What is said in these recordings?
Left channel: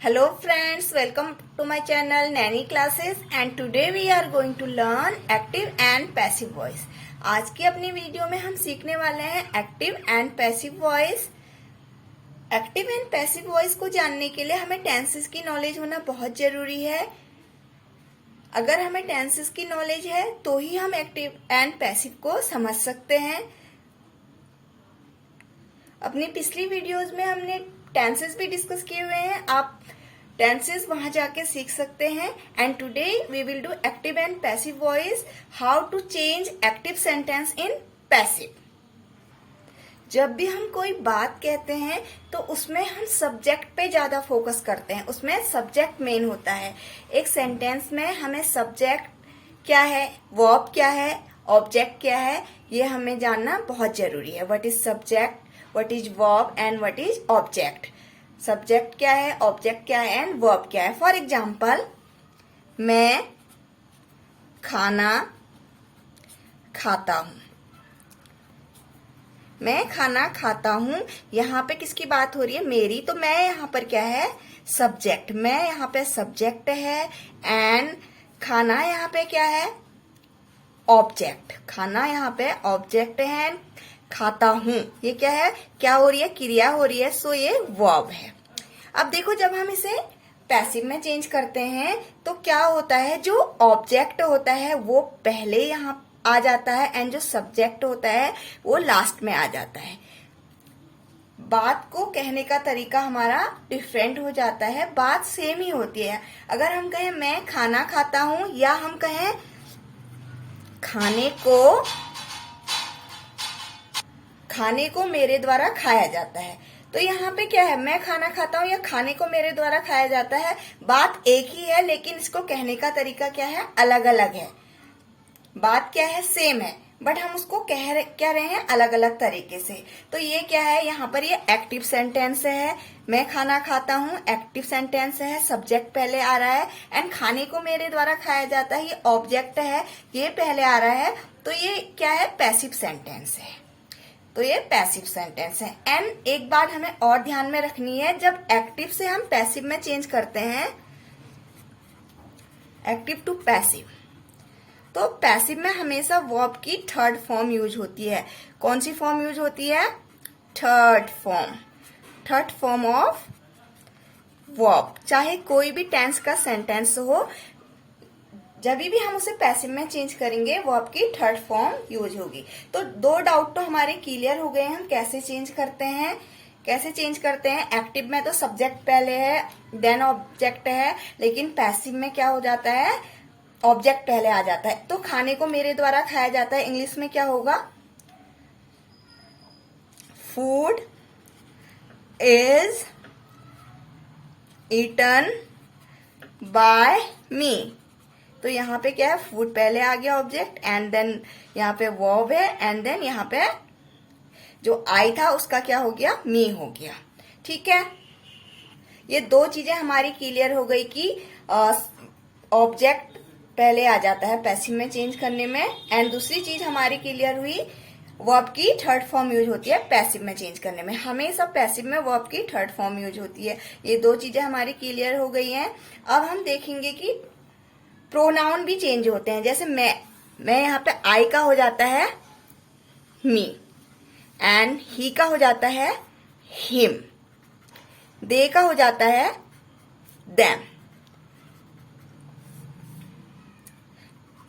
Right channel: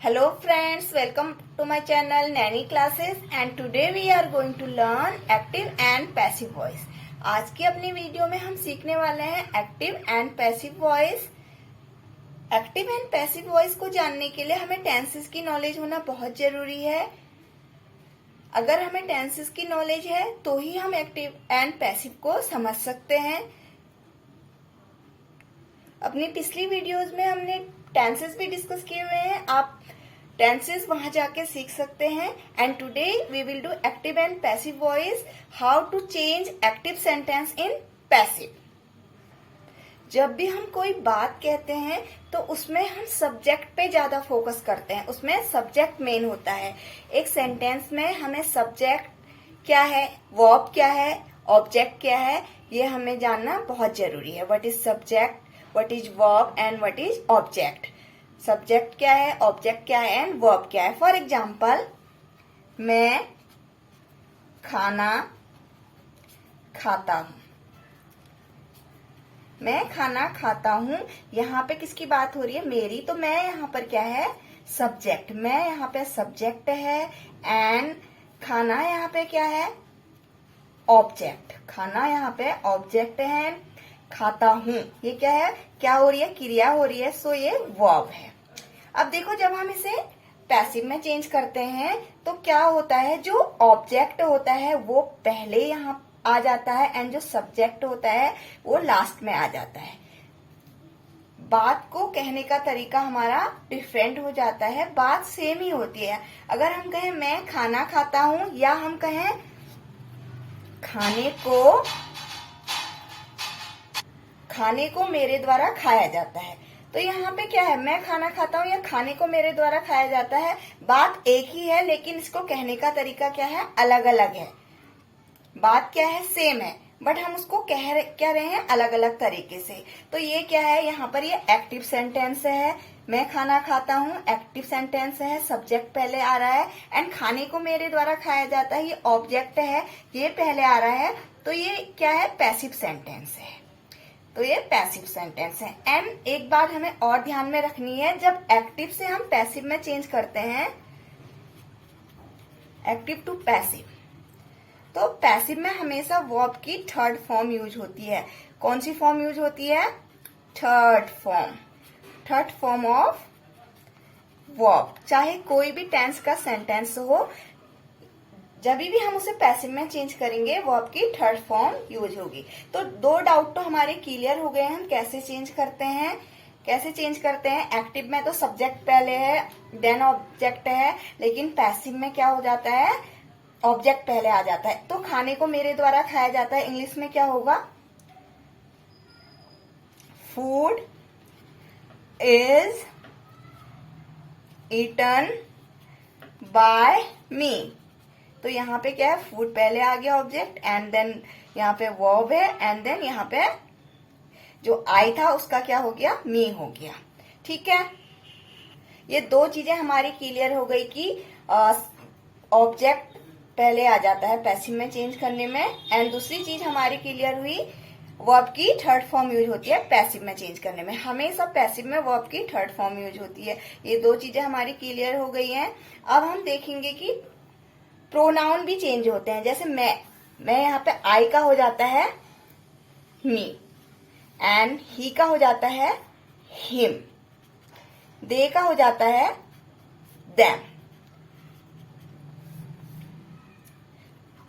Hello friends, welcome to my channel Nanny Classes and today we are going to learn active and passive voice. आज की अपनी video में हम सीखने वाले हैं active and passive voice. Active and passive voice को जानने के लिए हमें टेंसेस की नॉलेज होना बहुत जरूरी है। अगर हमें टेंसेस की नॉलेज है तो ही हम एक्टिव एंड पैसिव को समझ सकते हैं। अपनी पिछली वीडियोस में हमने टेंसेस भी डिस्कस किए हुए हैं, आप टेंसेस वहां जाके सीख सकते हैं। And today we will do active and passive voice, how to change active sentence in passive. जब भी हम कोई बात कहते हैं तो उसमें हम सब्जेक्ट पे ज्यादा फोकस करते हैं, उसमें सब्जेक्ट मेन होता है। एक सेंटेंस में हमें सब्जेक्ट क्या है, वर्ब क्या है, ऑब्जेक्ट क्या है, ये हमें जानना बहुत जरूरी है। What is subject, what is verb and what is object. Subject क्या है, ऑब्जेक्ट क्या है एंड वर्ब क्या है। फॉर एग्जाम्पल, मैं खाना खाता हूं। मैं खाना खाता हूं, यहाँ पे किसकी बात हो रही है, मेरी। तो मैं यहाँ पर क्या है, सब्जेक्ट। मैं यहाँ पे सब्जेक्ट है एंड खाना यहाँ पे क्या है, ऑब्जेक्ट। खाना यहाँ पे ऑब्जेक्ट है, खाता हूं ये क्या है, क्या हो रही है, क्रिया हो रही है, सो ये वर्ब है। अब देखो, जब हम इसे पैसिव में चेंज करते हैं तो क्या होता है, जो ऑब्जेक्ट होता है वो पहले यहाँ आ जाता है एंड जो सब्जेक्ट होता है वो लास्ट में आ जाता है। बात को कहने का तरीका हमारा डिफरेंट हो जाता है, बात सेम ही होती है। अगर हम कहें मैं खाना खाता हूं या हम कहें खाने को मेरे द्वारा खाया जाता है, तो यहाँ पे क्या है, मैं खाना खाता हूँ या खाने को मेरे द्वारा खाया जाता है, बात एक ही है लेकिन इसको कहने का तरीका क्या है, अलग अलग है। बात क्या है, सेम है, बट हम उसको क्या रहे हैं अलग अलग तरीके से। तो ये क्या है, यहाँ पर ये एक्टिव सेंटेंस है। मैं खाना खाता हूँ एक्टिव सेंटेंस है, सब्जेक्ट पहले आ रहा है एंड खाने को मेरे द्वारा खाया जाता है, ये ऑब्जेक्ट है, ये पहले आ रहा है। तो ये क्या है, पैसिव सेंटेंस है। तो ये पैसिव सेंटेंस है। एंड एक बात हमें और ध्यान में रखनी है, जब एक्टिव से हम पैसिव में चेंज करते हैं, एक्टिव टू पैसिव, तो पैसिव में हमेशा वर्ब की थर्ड फॉर्म यूज होती है। कौन सी फॉर्म यूज होती है, थर्ड फॉर्म ऑफ वर्ब। चाहे कोई भी टेंस का सेंटेंस हो, जब भी हम उसे पैसिव में चेंज करेंगे वर्ब की थर्ड फॉर्म यूज होगी। तो दो डाउट तो हमारे क्लियर हो गए हैं, हम कैसे चेंज करते हैं। एक्टिव में तो सब्जेक्ट पहले है देन ऑब्जेक्ट है, लेकिन पैसिव में क्या हो जाता है, ऑब्जेक्ट पहले आ जाता है। तो खाने को मेरे द्वारा खाया जाता है, इंग्लिश में क्या होगा, फूड इज ईटन बाय मी। तो यहाँ पे क्या है, फूड पहले आ गया ऑब्जेक्ट एंड देन यहाँ पे वर्ब है एंड देन यहाँ पे जो आई था उसका क्या हो गया, मी हो गया। ठीक है, ये दो चीजें हमारी क्लियर हो गई कि ऑब्जेक्ट पहले आ जाता है पैसिव में चेंज करने में, एंड दूसरी चीज हमारी क्लियर हुई, वर्ब की थर्ड फॉर्म यूज होती है पैसिव में चेंज करने में। हमेशा पैसिव में वर्ब की थर्ड फॉर्म यूज होती है। ये दो चीजें हमारी क्लियर हो गई हैं। अब हम देखेंगे कि प्रोनाउन भी चेंज होते हैं। जैसे मैं यहाँ पे आई का हो जाता है मी एंड ही का हो जाता है हिम, दे का हो जाता है देम,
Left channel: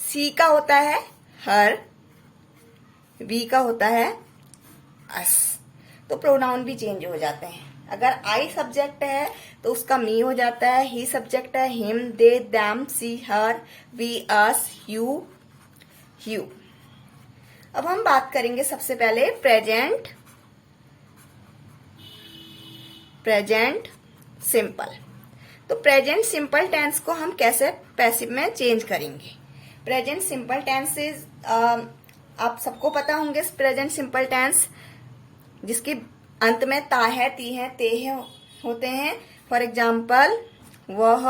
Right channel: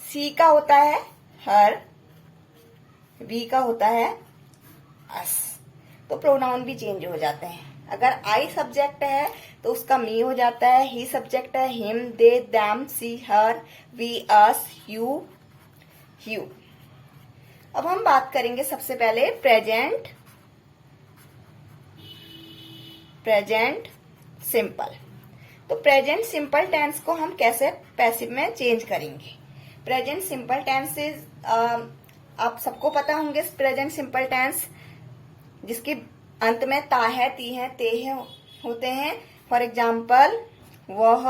सी का होता है हर, वी का होता है अस। तो प्रोनाउन भी चेंज हो जाते हैं। अगर आई सब्जेक्ट है तो उसका मी हो जाता है, ही सब्जेक्ट है him, they them, she her, we us, you you. अब हम बात करेंगे सबसे पहले प्रेजेंट सिंपल। तो प्रेजेंट सिंपल टेंस को हम कैसे पैसिव में चेंज करेंगे। प्रेजेंट सिंपल टेंस इज, आप सबको पता होंगे प्रेजेंट सिंपल टेंस, जिसकी अंत में ता है, ती है, ते है होते हैं। फॉर एग्जाम्पल, वह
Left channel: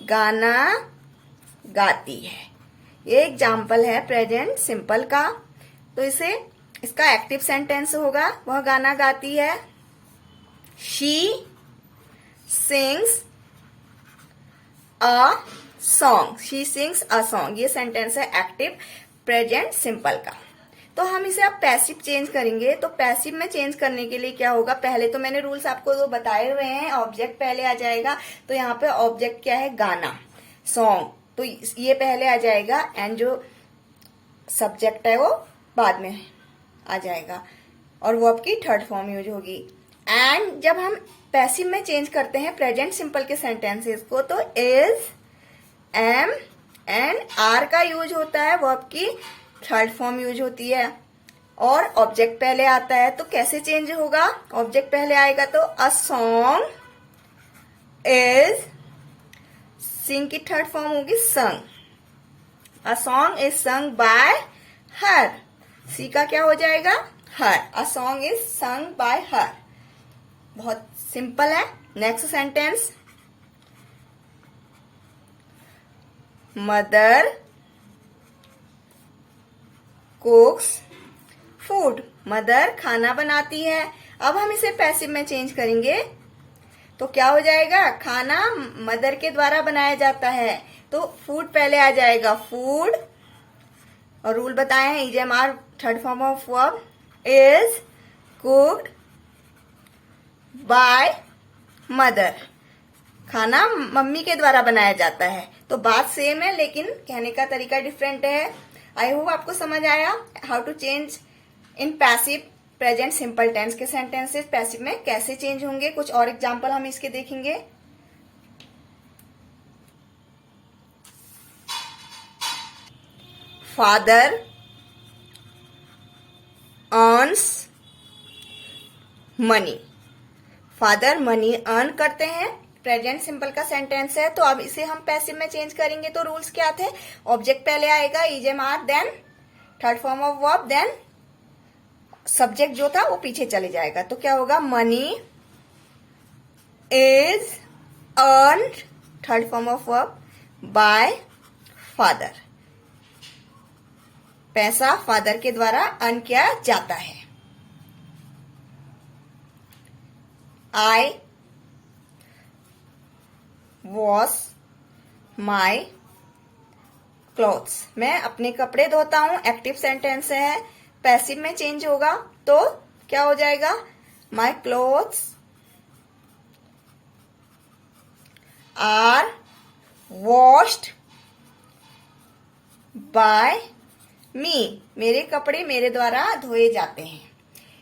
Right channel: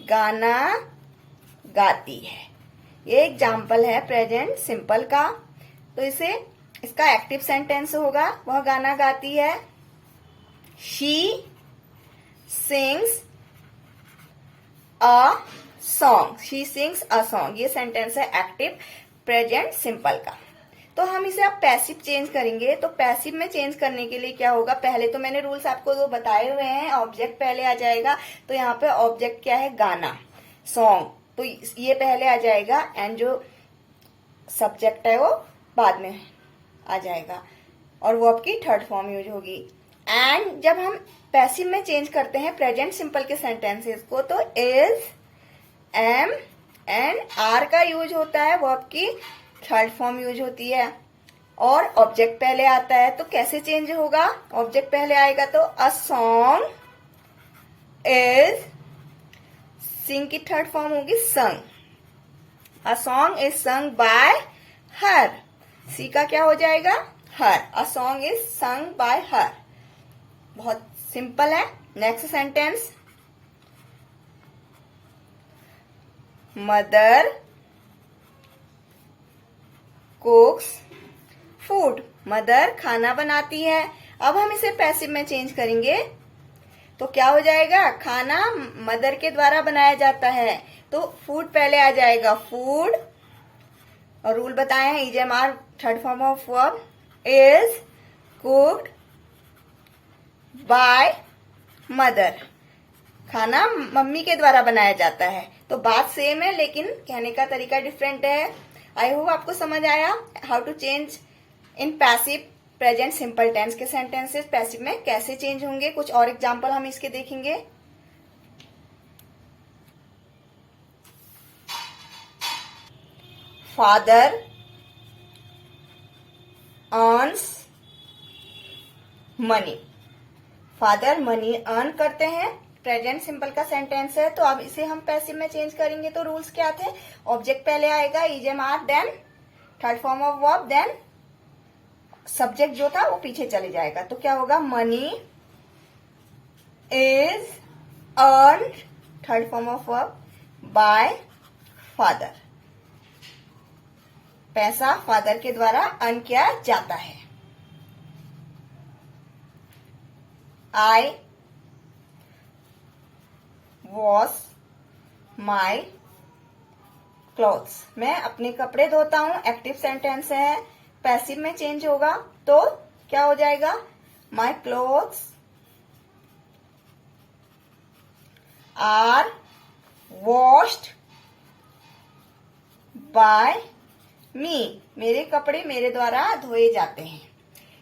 गाना गाती है, ये एग्जाम्पल है प्रेजेंट सिंपल का। तो इसका एक्टिव सेंटेंस होगा, वह गाना गाती है, she sings a song, she sings a song. ये सेंटेंस है एक्टिव प्रेजेंट सिंपल का। तो हम इसे अब पैसिव चेंज करेंगे। तो पैसिव में चेंज करने के लिए क्या होगा, पहले तो मैंने रूल्स आपको जो बताए हुए हैं, ऑब्जेक्ट पहले आ जाएगा। तो यहाँ पे ऑब्जेक्ट क्या है, गाना, सॉन्ग, तो ये पहले आ जाएगा एंड जो सब्जेक्ट है वो बाद में आ जाएगा और वो आपकी थर्ड फॉर्म यूज होगी। एंड जब हम पैसिव में चेंज करते हैं प्रेजेंट सिंपल के सेंटेंसेस को, तो इज, एम एंड आर का यूज होता है, वो आपकी थर्ड फॉर्म यूज होती है। और ऑब्जेक्ट पहले आता है, तो कैसे चेंज होगा, ऑब्जेक्ट पहले आएगा तो अ सॉन्ग इज, सिंग की थर्ड फॉर्म होगी sung, a song is sung by her, she का क्या हो जाएगा, her, a song is sung by her. बहुत सिंपल है। Next sentence, mother cooks food, mother खाना बनाती है। अब हम इसे पैसिव में चेंज करेंगे तो क्या हो जाएगा, खाना मदर के द्वारा बनाया जाता है, तो फूड पहले आ जाएगा, फूड, और रूल बताए हैं, EJMR third form of verb is cooked by mother, खाना मम्मी के द्वारा बनाया जाता है। तो बात सेम है लेकिन कहने का तरीका डिफरेंट है। आई होप आपको समझ आया how to change in passive present simple tense के सेंटेंसेस पैसिव में कैसे चेंज होंगे। कुछ और एग्जांपल हम इसके देखेंगे। Father earns money, father money earn करते हैं, प्रेजेंट सिंपल का सेंटेंस है। तो अब इसे हम पैसिव में चेंज करेंगे तो रूल्स क्या थे, ऑब्जेक्ट पहले आएगा, EJMR, then third form of verb, then subject जो था वो पीछे चले जाएगा। तो क्या होगा, money is earned, third form of verb, by father, पैसा फादर के द्वारा अर्न किया जाता है। आई वॉश माई क्लॉथ्स, मैं अपने कपड़े धोता हूं, एक्टिव सेंटेंस है, पैसिव में चेंज होगा तो क्या हो जाएगा, my clothes are washed by me, मेरे कपड़े मेरे द्वारा धोए जाते हैं।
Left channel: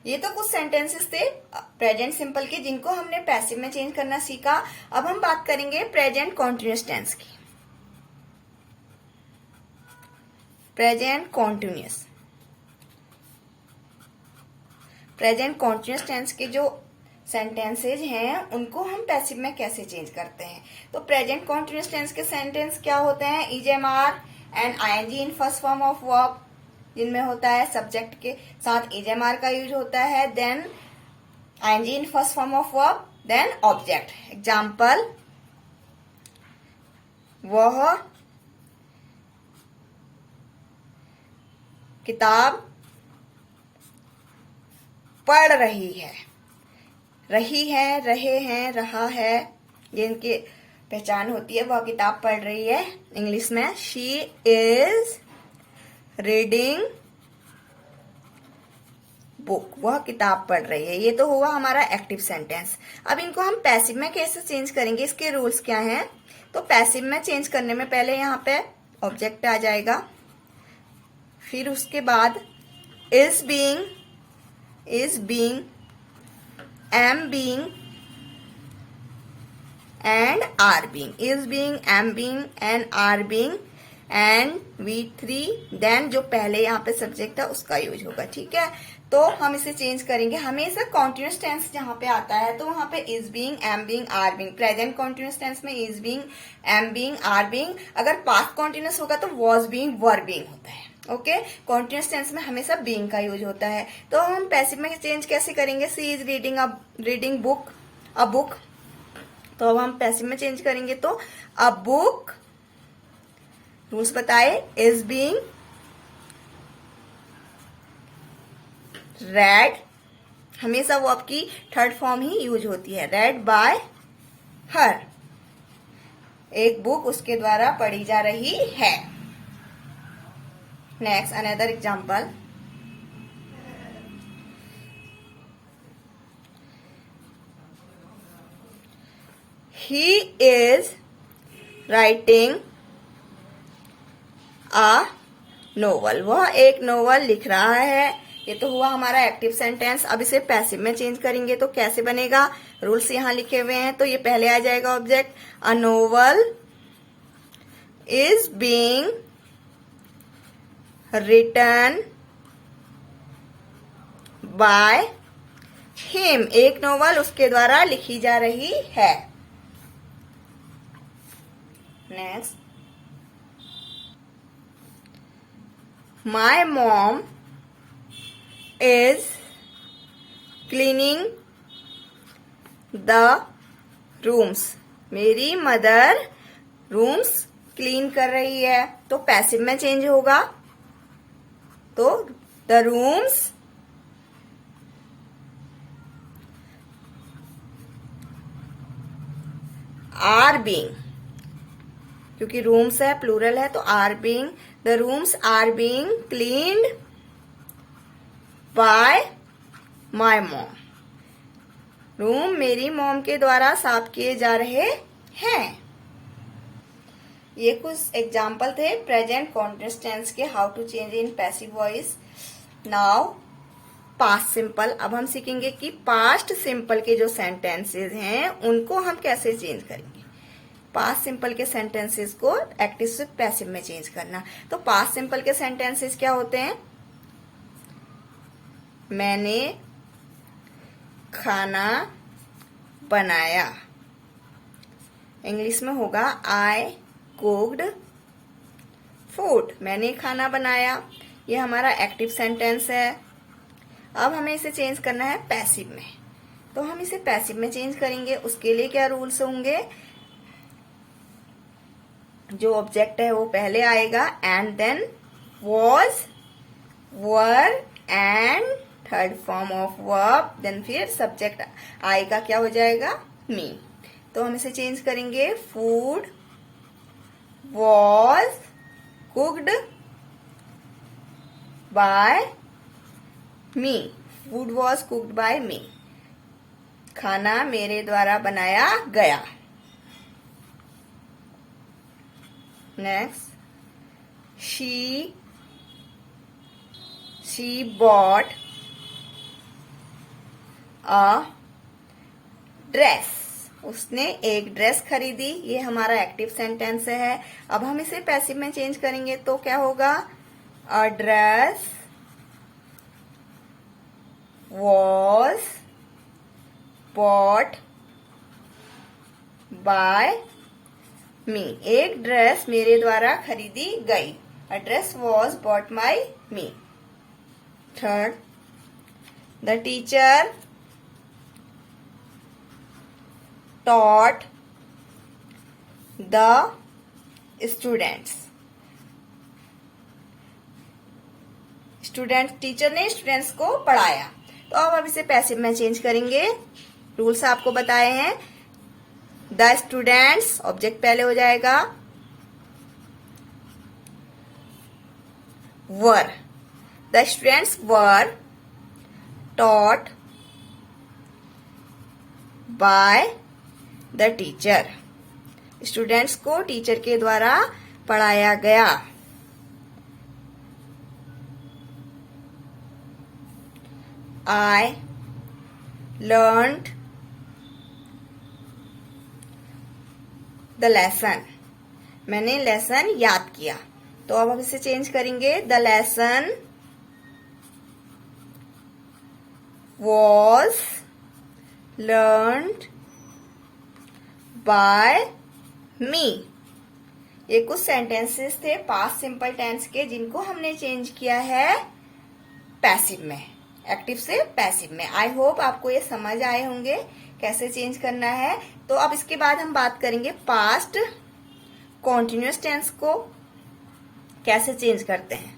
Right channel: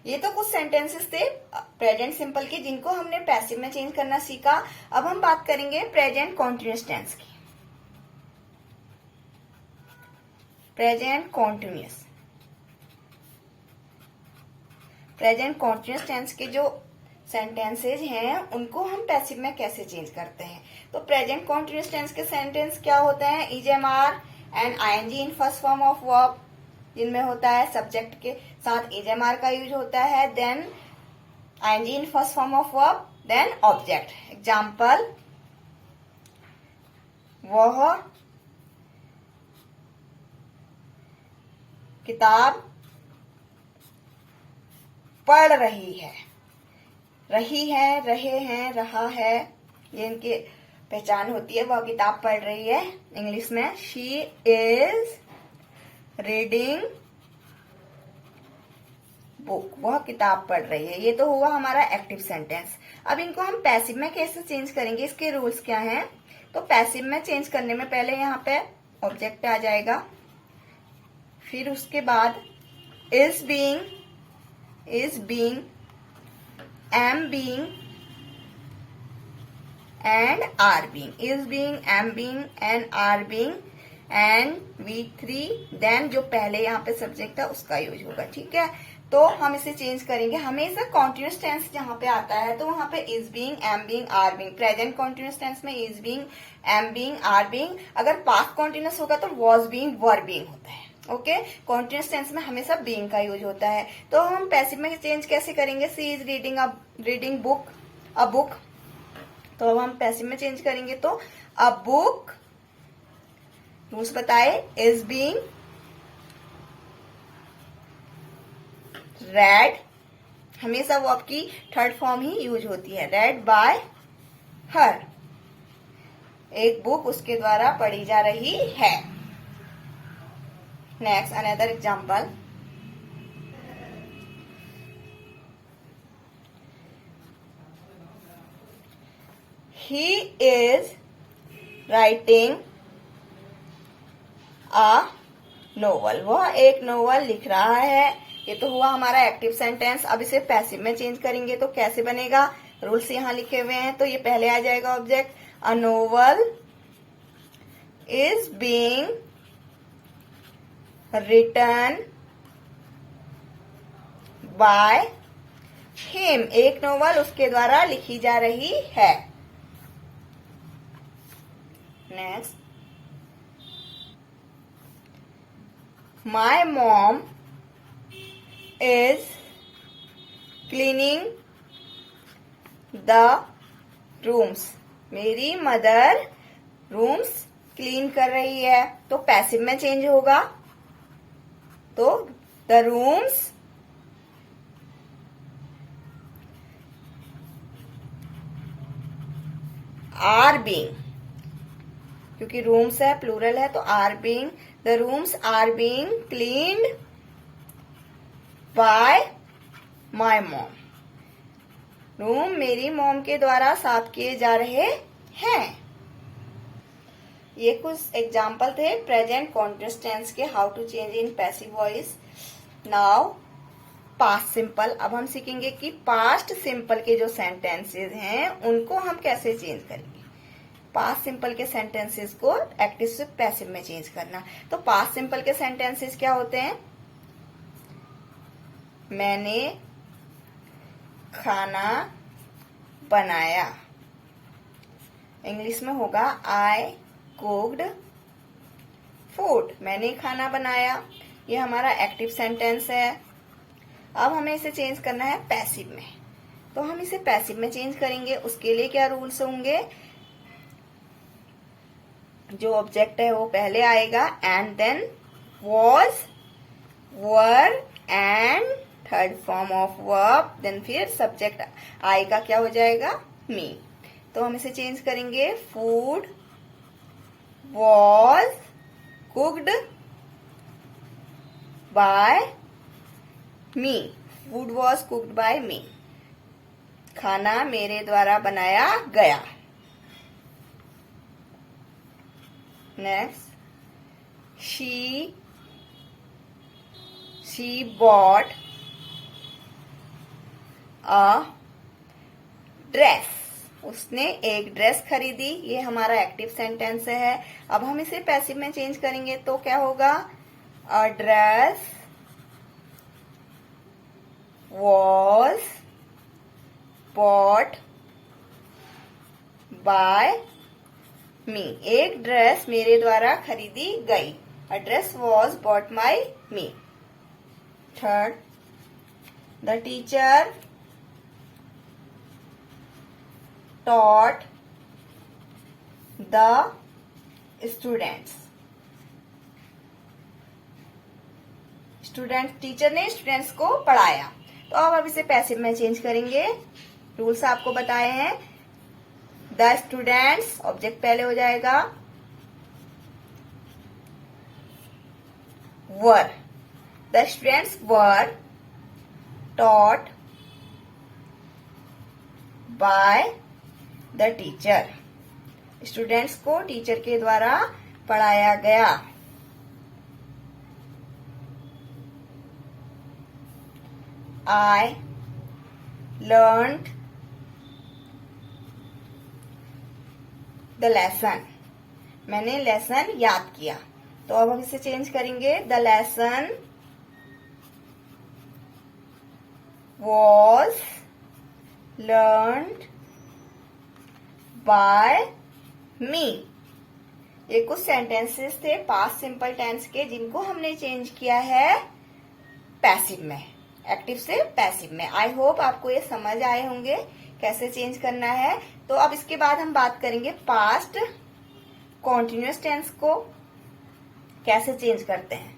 ये तो कुछ सेंटेंसेस थे प्रेजेंट सिंपल के जिनको हमने पैसिव में चेंज करना सीखा। अब हम बात करेंगे प्रेजेंट कॉन्टिन्यूअस टेंस की। Present continuous, present continuous tense के जो सेंटेंसेज हैं उनको हम पैसिव में कैसे चेंज करते हैं। तो प्रेजेंट कॉन्टिन्यूअस टेंस के सेंटेंस क्या होते हैं, EJMR and ING in first form of verb, जिनमें होता है सब्जेक्ट के साथ EJMR का यूज होता है, then ING in first form of verb, then object. Example, वह किताब पढ़ रही है, रही है, रहे हैं, रहा है, ये इनकी पहचान होती है। वह किताब पढ़ रही है, इंग्लिश में शी इज रीडिंग बुक, वह किताब पढ़ रही है। ये तो हुआ हमारा एक्टिव सेंटेंस। अब इनको हम पैसिव में कैसे चेंज करेंगे, इसके रूल्स क्या हैं। तो पैसिव में चेंज करने में पहले यहाँ पे ऑब्जेक्ट आ जाएगा, फिर उसके बाद is being, am being and are being, is being, am being and are being and V3, then जो पहले यहाँ पे सब्जेक्ट था उसका यूज होगा। ठीक है, तो हम इसे चेंज करेंगे। हमेशा कॉन्टिन्यूअस टेंस जहाँ पे आता है तो वहां पे is being, am being, are being, present continuous tense में is being, am being, are being. अगर पास्ट कॉन्टिन्यूअस होगा तो वॉज बीइंग, वर बीइंग होता है। ओके, कॉन्टिन्यूअस टेंस में हमेशा बीइंग का यूज होता है। तो हम पैसिव में चेंज कैसे करेंगे, she is reading book, a book. तो अब हम पैसिव में चेंज करेंगे तो अ बुक, रूल्स बताए, इज बीइंग रेड, हमेशा वो आपकी थर्ड फॉर्म ही यूज होती है, रेड बाय हर। एक बुक उसके द्वारा पढ़ी जा रही है। Next another example, he is writing a novel। वह एक नोवेल लिख रहा है। ये तो हुआ हमारा एक्टिव सेंटेंस। अब इसे पैसिव में चेंज करेंगे तो कैसे बनेगा? रूल्स यहाँ लिखे हुए हैं। तो ये पहले आ जाएगा object, a novel is being written by him. एक नोवेल उसके द्वारा लिखी जा रही है। Next, my mom is cleaning the rooms. मेरी मदर रूम्स क्लीन कर रही है। तो पैसिव में चेंज होगा, तो द रूम्स आर बीइंग, क्योंकि रूम्स है प्लूरल है तो are being, the rooms are being cleaned by my mom. Room मेरी मॉम के द्वारा साफ किए जा रहे हैं। ये कुछ एग्जाम्पल थे प्रेजेंट कॉन्टिन्यूअस टेंस के, how to change in passive voice. Now past simple. अब हम सीखेंगे कि पास्ट सिंपल के जो सेंटेंसेस हैं उनको हम कैसे चेंज करेंगे। पास्ट सिंपल के सेंटेंसेस को एक्टिव से पैसिव में चेंज करना। तो पास्ट सिंपल के सेंटेंसेस क्या होते हैं? मैंने खाना बनाया। इंग्लिश में होगा आई कुक्ड फूड। मैंने खाना बनाया। ये हमारा एक्टिव सेंटेंस है। अब हमें इसे चेंज करना है पैसिव में। तो हम इसे पैसिव में चेंज करेंगे। उसके लिए क्या रूल्स होंगे? जो ऑब्जेक्ट है वो पहले आएगा, and then was, were and third form of verb, then फिर सब्जेक्ट आएगा, क्या हो जाएगा? मी। तो हम इसे चेंज करेंगे, food was cooked by me. Food was cooked by me. खाना मेरे द्वारा बनाया गया। Next, she bought a dress. उसने एक ड्रेस खरीदी। ये हमारा एक्टिव सेंटेंस है। अब हम इसे पैसिव में चेंज करेंगे तो क्या होगा? A dress was bought by me. एक ड्रेस मेरे द्वारा खरीदी गई। A dress was bought by me. Third, the teacher taught the students। Teacher ने स्टूडेंट्स को पढ़ाया। तो अब इसे पैसिव में चेंज करेंगे। रूल्स आपको बताए हैं। द स्टूडेंट्स ऑब्जेक्ट पहले हो जाएगा, were. The students were taught by the teacher. Students को टीचर के द्वारा पढ़ाया गया। I learned the lesson। मैंने लेसन याद किया। तो अब हम इसे चेंज करेंगे, the lesson was learned by me। ये कुछ सेंटेंसेस थे पास्ट सिंपल टेंस के जिनको हमने चेंज किया है पैसिव में, एक्टिव से पैसिव में। आई होप आपको ये समझ आए होंगे कैसे चेंज करना है। तो अब इसके बाद हम बात करेंगे पास्ट कॉन्टिन्यूअस टेंस को कैसे चेंज करते हैं।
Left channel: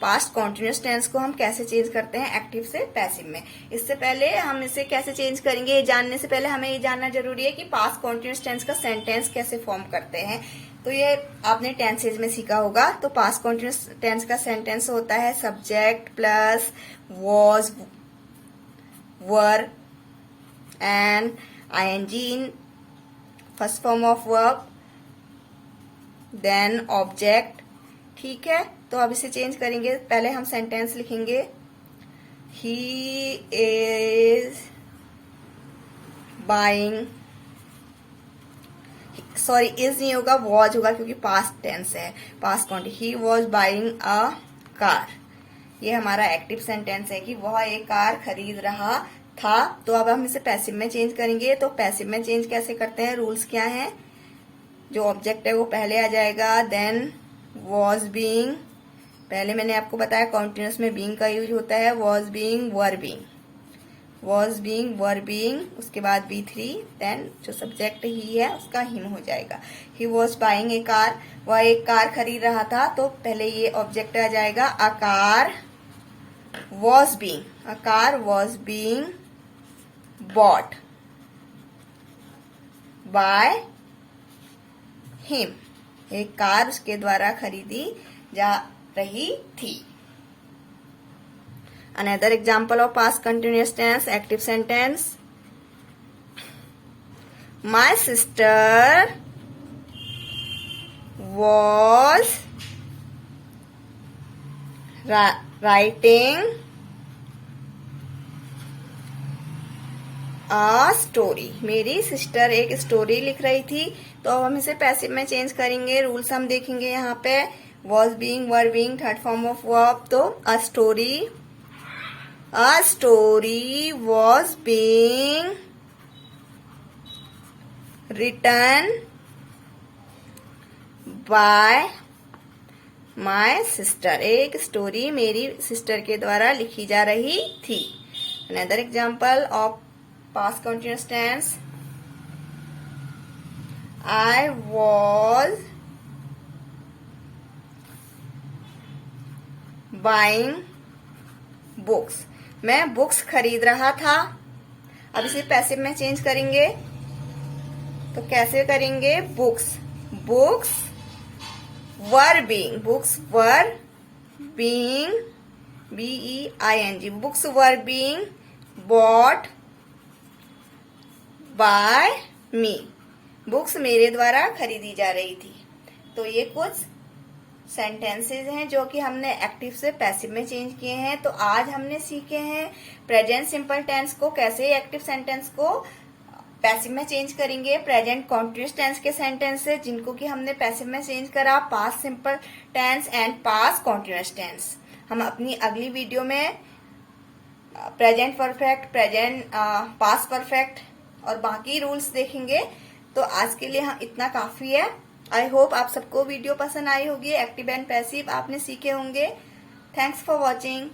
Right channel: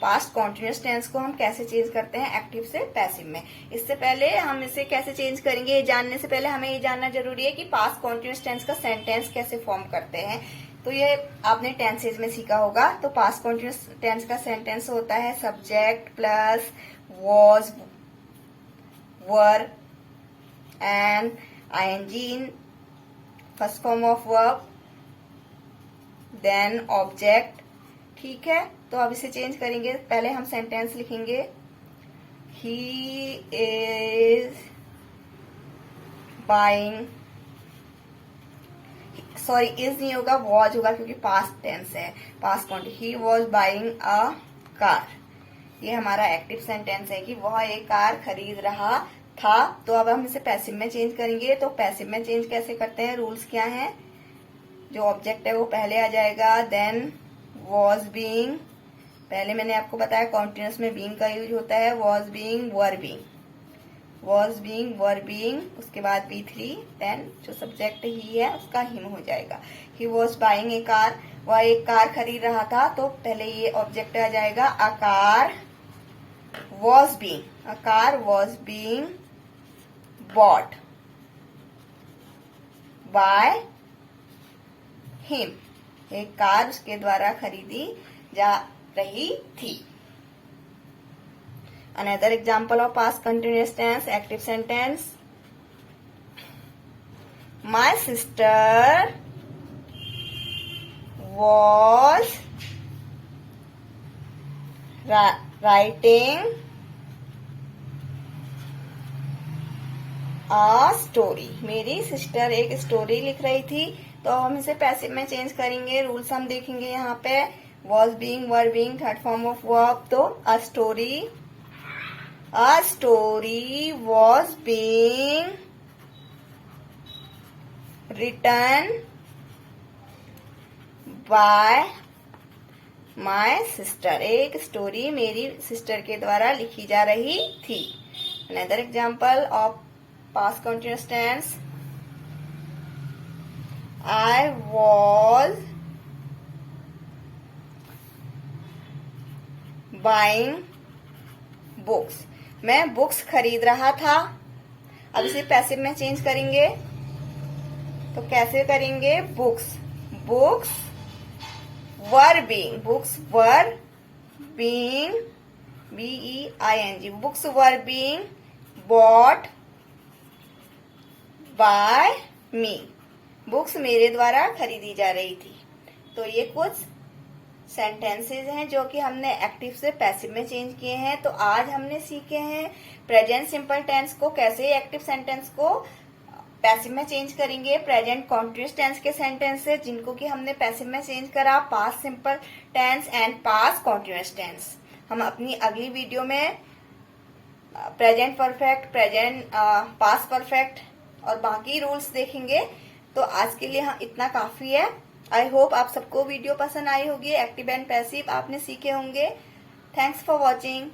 पास्ट कॉन्टिन्यूस टेंस को हम कैसे चेंज करते हैं एक्टिव से पैसिव में। इससे पहले हम इसे कैसे चेंज करेंगे ये जानने से पहले हमें ये जानना जरूरी है कि पास्ट कॉन्टिन्यूस टेंस का सेंटेंस कैसे फॉर्म करते हैं। तो ये आपने टेंसेज में सीखा होगा। तो पास्ट कॉन्टिन्यूस टेंस का सेंटेंस होता है subject plus was, were and ING in first form of verb, then object. ठीक है, तो अब इसे चेंज करेंगे। पहले हम सेंटेंस लिखेंगे, he is buying, sorry is नहीं होगा, वॉज होगा क्योंकि पास्ट टेंस है, past continuous. He was buying a car, ये हमारा एक्टिव सेंटेंस है कि वह एक कार खरीद रहा था। तो अब हम इसे पैसिव में चेंज करेंगे। तो पैसिव में चेंज कैसे करते हैं, रूल्स क्या हैं, जो ऑब्जेक्ट है वो पहले आ जाएगा, देन वॉज बीइंग, पहले मैंने आपको बताया कॉन्टिन्यूस में बीइंग का यूज होता है, was being, were being, was being, were being, उसके बाद B3, देन जो सब्जेक्ट ही है उसका हिम हो जाएगा। He was buying A car, वह एक कार खरीद रहा था, तो पहले ये ऑब्जेक्ट आ जाएगा, a car was being, a car was being bought by him, एक कार उसके द्वारा खरीदी जा रही थी। Another example of past continuous tense, active sentence. My sister was writing a story. मेरी सिस्टर एक स्टोरी लिख रही थी। तो अब हम इसे पैसिव में चेंज करेंगे। रूल्स हम देखेंगे यहाँ पे, was being, were being, third form of verb. तो a story was being written by my sister, एक स्टोरी मेरी सिस्टर के द्वारा लिखी जा रही थी। Another example of past continuous tense, I was buying books, मैं बुक्स खरीद रहा था। अब इसे पैसिव में चेंज करेंगे। तो कैसे करेंगे, books were being, books were being, BEING, books were being bot by me, books मेरे द्वारा खरीदी जा रही थी। तो ये कुछ सेंटेंसेज हैं जो कि हमने एक्टिव से पैसिव में चेंज किए हैं। तो आज हमने सीखे हैं प्रेजेंट सिंपल टेंस को कैसे एक्टिव सेंटेंस को पैसिव में चेंज करेंगे, प्रेजेंट कॉन्टिन्यूस टेंस के सेंटेंसेज जिनको कि हमने पैसिव में चेंज करा, past simple tense and past continuous tense. हम अपनी अगली वीडियो में present perfect, present past perfect और बाकी रूल्स देखेंगे। तो आज के लिए इतना काफी है। आई होप आप सबको वीडियो पसंद आई होगी, एक्टिव एंड पैसिव आपने सीखे होंगे। Thanks for watching.